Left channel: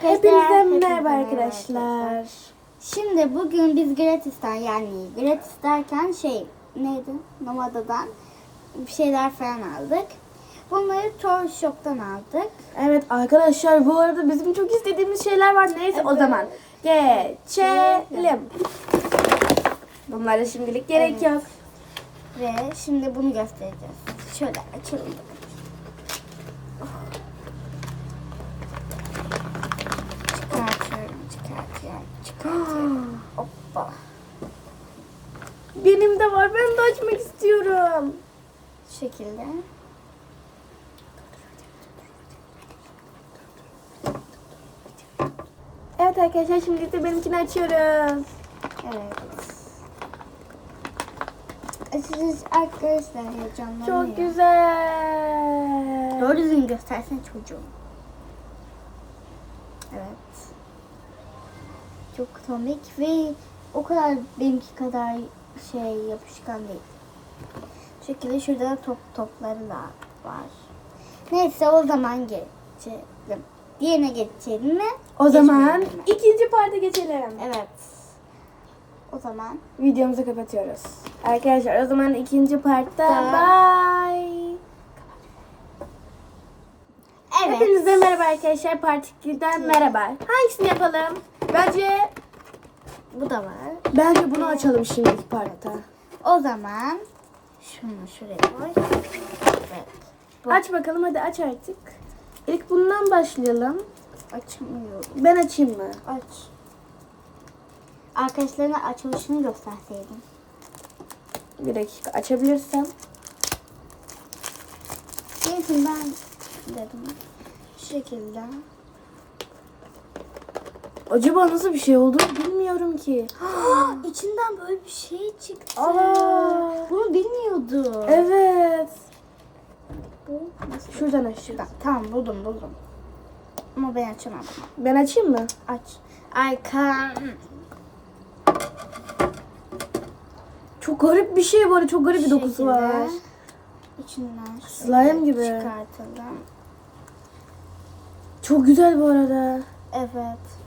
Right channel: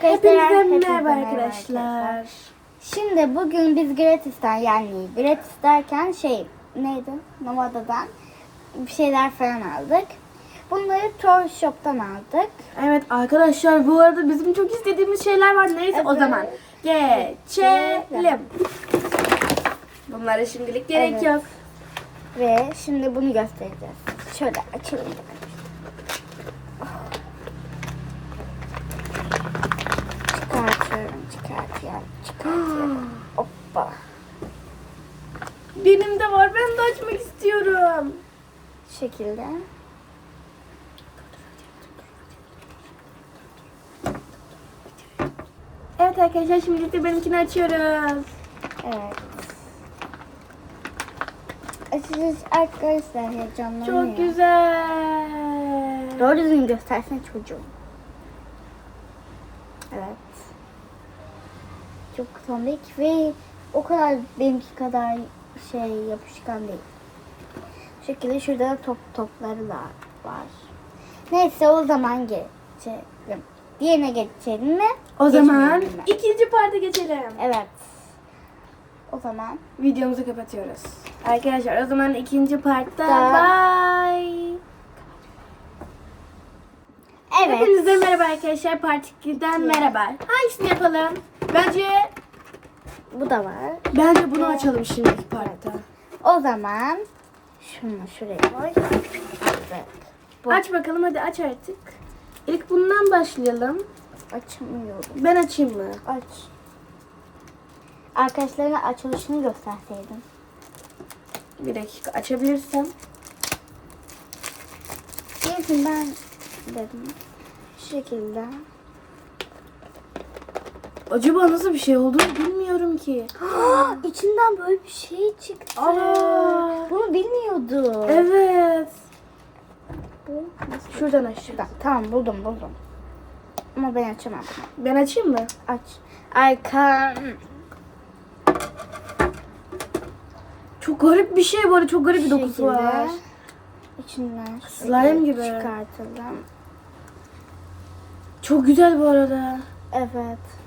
Hepinize merhaba arkadaşlar. Şimdi bugün biz gratis'ten yani gratis derken şey neydi? Nomada'dan bir şeyler falan aldık. Bunları Toy Shop'tan aldık. Evet arkadaşlar bu arada bizim çok istediğimiz şeyler var. Neyse o Evet. zaman geçelim. Bunlara şimdilik gerek Evet. yok. Ve şimdi bunu göstereceğiz. Şöyle açalım. Çıkartıyorum, çıkartıyorum, çıkartıyorum. Hoppa. Benim de var. Ben de açmak istiyorum. Şu şekilde. Evet arkadaşlar şimdi de benimkini açıyoruz. Evet. Açacağız arkadaşlar heyecanlanıyor. Çok güzel. Doğru düzgün göstersene çocuğum. Evet. Çok tombik ve o kadar benimki kadar şey yapışkan değil. Şekilde şurada da top topları da var. Neyse o zaman geçelim. Diğerine geçelim mi? O zaman mi? ikinci parta geçelim. Evet. O zaman Videomuzu kapatıyoruz. Arkadaşlar o zaman ikinci partta bye. evet. Hepinize merhaba arkadaşlar. Part 2'den merhaba. Hangisini yapalım? Bence Bu da var. bence bunu açalım şimdiki partta. O zaman şunu şuraya koy. Evet. Bu. Aç bakalım hadi aç artık. İlk bundan başlayalım. Açamıyorum. Ben açayım mı? Aç. Arkadaşlarına açılışını gösterseydim. Bir dakika açabilirsem. Neyse ben dedim. Şu şekilde. Acaba nasıl bir şey olduğunu bilmiyorum ki. İçinden böyle bir şey çıktı. Aa. Bunu bilmiyordum. Evet. Bu nasıl? Şuradan aç. Şuradan. Tamam buldum buldum. Ama ben açamam. Ben açayım mı? Aç. Arka. Çok garip bir şey bu arada. Çok garip bir dokusu şekilde. var. İçinden Slime şöyle gibi. Çıkartalım. Çok güzel bu arada. Evet.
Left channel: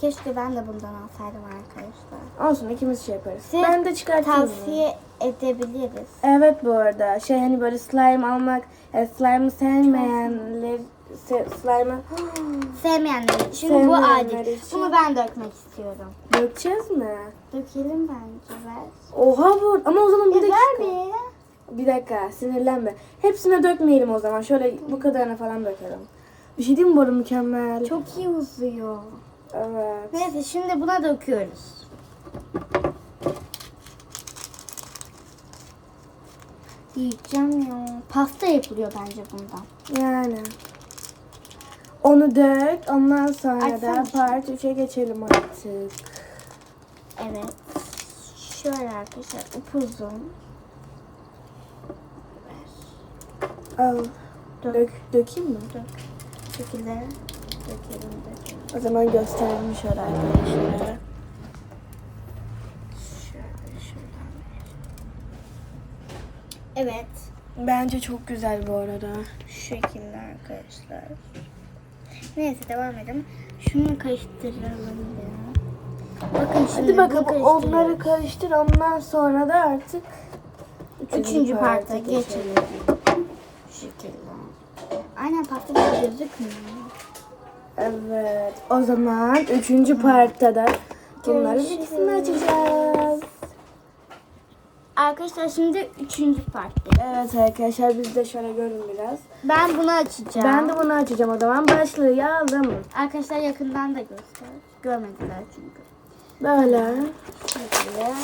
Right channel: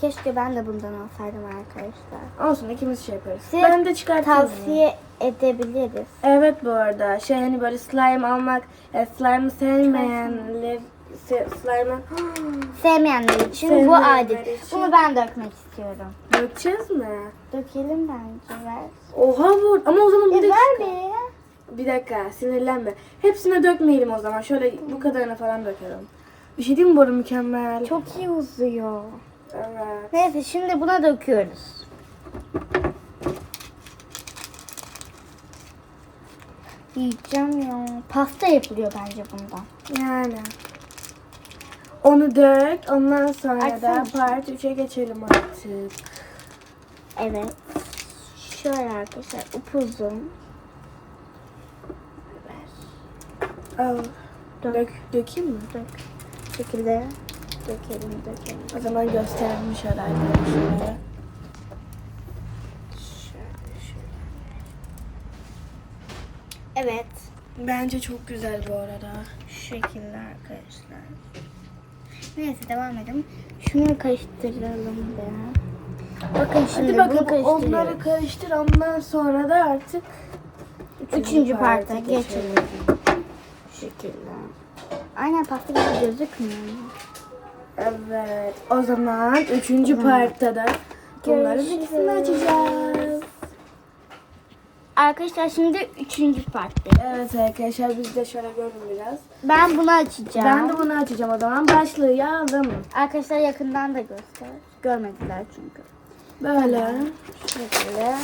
Keşke ben de bundan alsaydım arkadaşlar. Olsun ikimiz şey yaparız. Size ben de çıkartayım. Tavsiye edebiliriz. Evet bu arada şey hani böyle slime almak, e, slime'ı sevmeyenler se, slime'ı Sevmeyenler için bu Sevmeyenler adil. için. Bunu ben dökmek istiyorum. dökeceğiz mi? Dökelim bence ver. Oha bu ama o zaman bir E, dakika. ver bir. Bir dakika sinirlenme. Hepsine dökmeyelim o zaman. Şöyle bu kadarını falan dökelim. Bir şey diyeyim mi bu arada mükemmel? Çok iyi uzuyor. Evet. Neyse şimdi buna döküyoruz. Yiyeceğim ya. Pasta yapılıyor bence bundan. Yani. Onu dök. Ondan sonra Açsana da şunu. part 3'e geçelim artık. Evet. Şöyle arkadaşlar upuzun. Ver. Al. Dök. Dök, dökeyim mi? Dök. Bu şekilde dökelim dökelim. O zaman gösterelim şöyle arkadaşlara. Evet. Bence çok güzel bu arada. Şu şekilde arkadaşlar. Neyse devam edelim. Şunu karıştıralım biraz. Bakın şimdi Hadi bakalım onları karıştır ondan sonra da artık Üçüncü parta parta geçelim. Şu şekilde. Aynen gibi gözükmüyor. Evet. O zaman üçüncü partta da bunların ikisini açacağız. Arkadaşlar şimdi üçüncü partta. Evet arkadaşlar biz de şöyle görün biraz. Ben bunu açacağım. Ben de bunu açacağım o zaman. Başlayalım. Arkadaşlar yakından da göster. Görmediler çünkü. Böyle. Şekilde.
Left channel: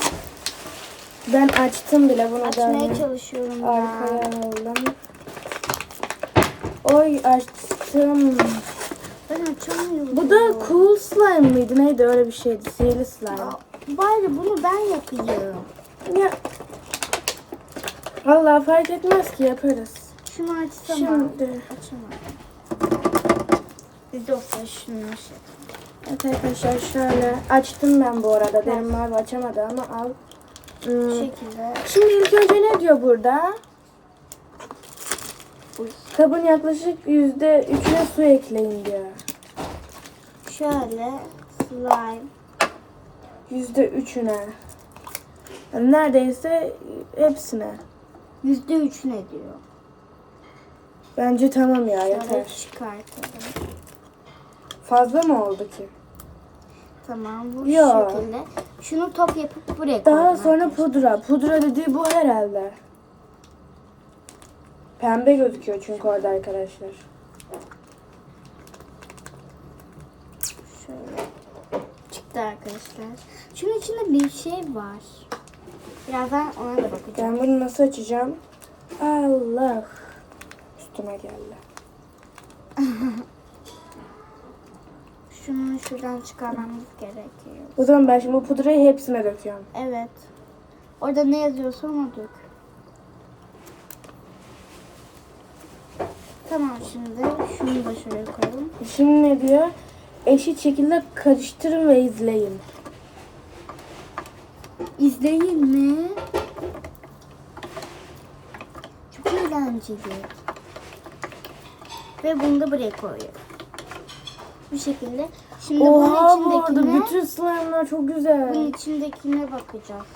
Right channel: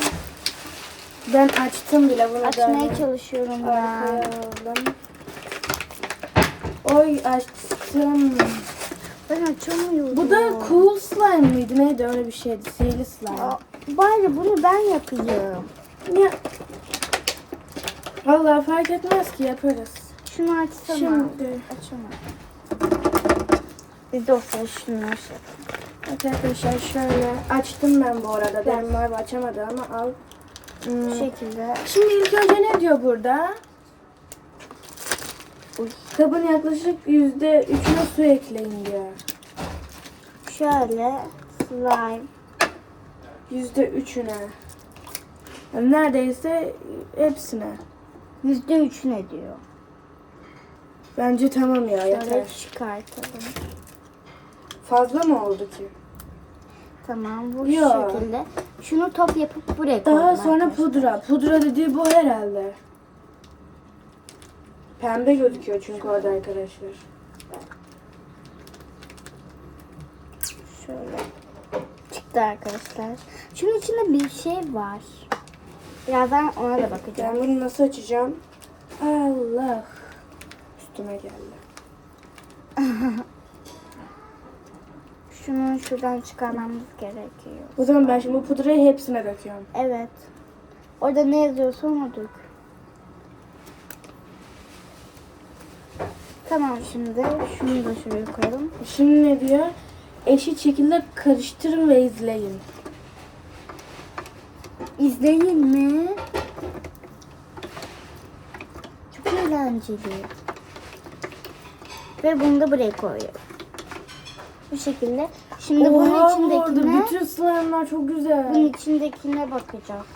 Ben açtım bile bunu Açmaya da. çalışıyorum Arkaya ben. alalım. Oy açtım. Ben açamıyorum. Bu da cool slime mıydı? Neydi öyle bir şeydi. Sihirli slime. Aa, Bari bunu ben yapayım. Ya. Vallahi fark etmez ki yaparız. Şunu açsana. Şimdi. Açama. Biz de olsa şunu şey. Evet arkadaşlar şöyle açtım ben bu arada. Benim var açamadı ama al. Hmm. Bu şekilde. Şimdi ilk önce ne diyor burada? Kabın yaklaşık yüzde üçüne su ekleyin diyor. şöyle slime. Yüzde üçüne. Yani neredeyse hepsine. Yüzde üç ne diyor? Bence tamam ya Şöyle yeter. çıkartalım. Fazla mı oldu ki? Tamam bu Yo. şekilde. Şunu top yapıp buraya Daha koydum sonra arkadaşlar. pudra. Pudra dediği bu herhalde. Pembe gözüküyor çünkü orada arkadaşlar. Şöyle çıktı arkadaşlar. Şunun içinde bir şey var. Birazdan ona da bakacağım. Ben bunu nasıl açacağım? Allah. Üstüme geldi. Şunu şuradan çıkarmamız gerekiyor. O zaman ben şimdi bu pudrayı hepsine döküyorum. Evet. Orada ne yazıyorsa onu dök. Tamam şimdi şunu da şuraya koyalım. Şimdi ne diyor? Eşit şekilde karıştırın ve izleyin. İzleyin mi? Çok eğlenceli. Ve bunu da buraya koyuyorum. Bu şekilde. Şimdi Oha, bunun içindekine bütün slime'lar çok güzel. bunun içindekine bakacağız.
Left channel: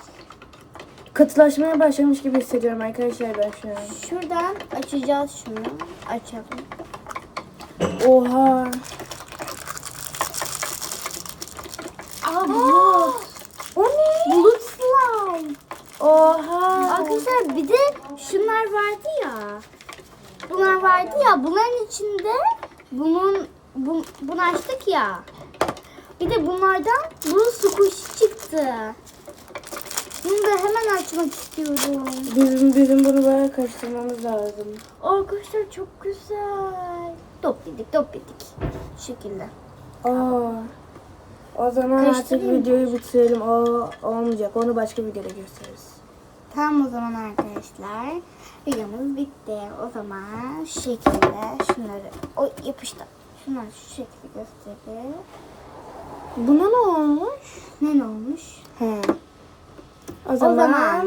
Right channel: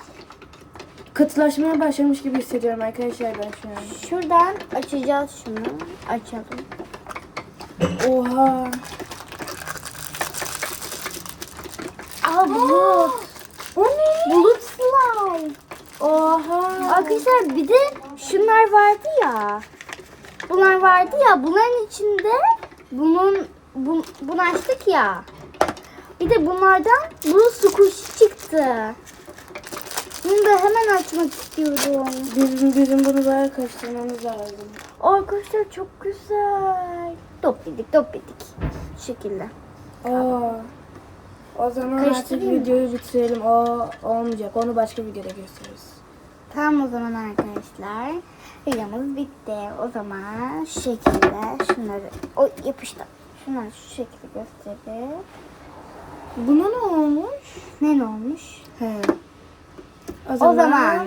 Katılaşmaya başlamış gibi hissediyorum arkadaşlar ben şu an. Şuradan açacağız şunu. Açalım. Oha. Aa bulut. O ne? Bulut slime. Oha. Arkadaşlar bir de şunlar vardı ya. Bunlar vardı ya. Bunların içinde bunun bu, bunu açtık ya. Bir de bunlardan bunun squishy çıktı. Bunu da hemen açmak istiyorum. Bizim, bizim bunu böyle karıştırmamız lazım. Arkadaşlar çok güzel. Top yedik top yedik. Şu şekilde. Aa. O zaman artık mı? videoyu bitirelim. O olmayacak. Onu başka videoda gösteririz. Tamam o zaman arkadaşlar. Videomuz bitti. O zaman şu şekilde şunları o yapıştı. Şunları şu şekilde göstereyim. Buna ne olmuş? Ne ne olmuş? He. 我哦哦